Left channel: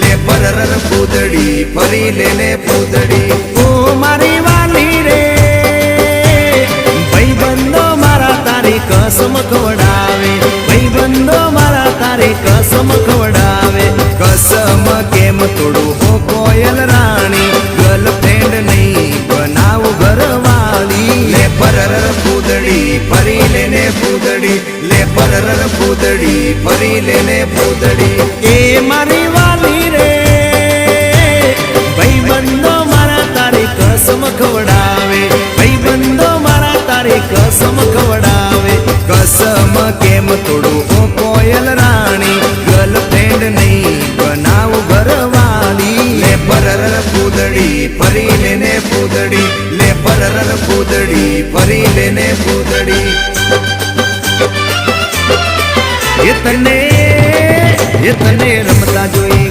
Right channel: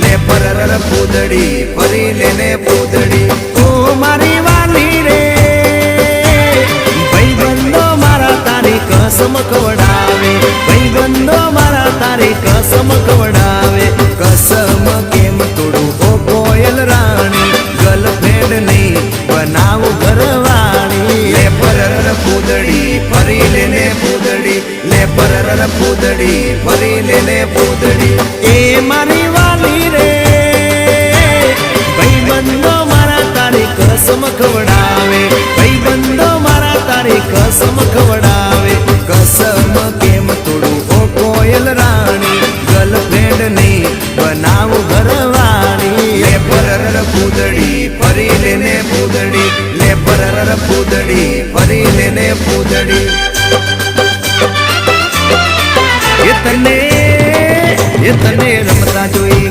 લે પરર પૂદડી ફરી લે પૂદડી ઓ મારી વાલી રે ભાઈબંધો મારા તારી કસમ ખવડાવે ભાઈબંધો મારા તારી કસમ ખવડાવે કસમ કેમ તોડું ઓ કોયલ રાણી ગર્લફ્રેન્ડ નહીં બનાવ ઘરવાળી લે પરર પૂદડી ફરી લે પૂદડી લે પરર પૂદડી ફરી લે પૂદડી એ મારી વાલી રે ભાઈબંધો મારા તારી કસમ ખવડાવે ભાઈબંધો મારા તારી કસમ ખવડાવે કસમ કેમ તોડું ઓ કોયલ રાણી ગર્લફ્રેન્ડ નહીં બનાવ ઘરવાળી લે પરર પૂદડી ફરી લે પૂદડી લે પરર પૂદડી ફરી લે પૂદડી એ તને રમતા જોઈ